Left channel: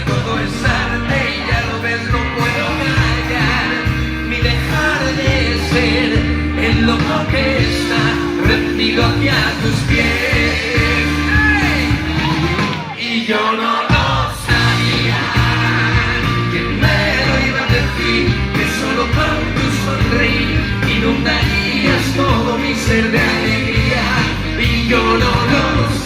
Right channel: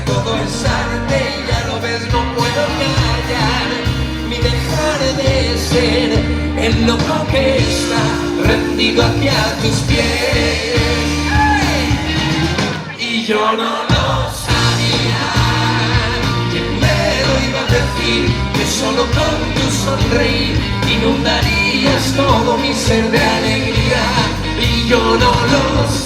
ya todo es arte y ya lo ves, no puedo callar ni dejar de ser el loco que está rendido hacia tus pies. Y yo no lo sabía, ¿quién me lo iba a decir? Que solo con tu sonreír inundarías todo mi ser de alegría. Y yo no lo sabía,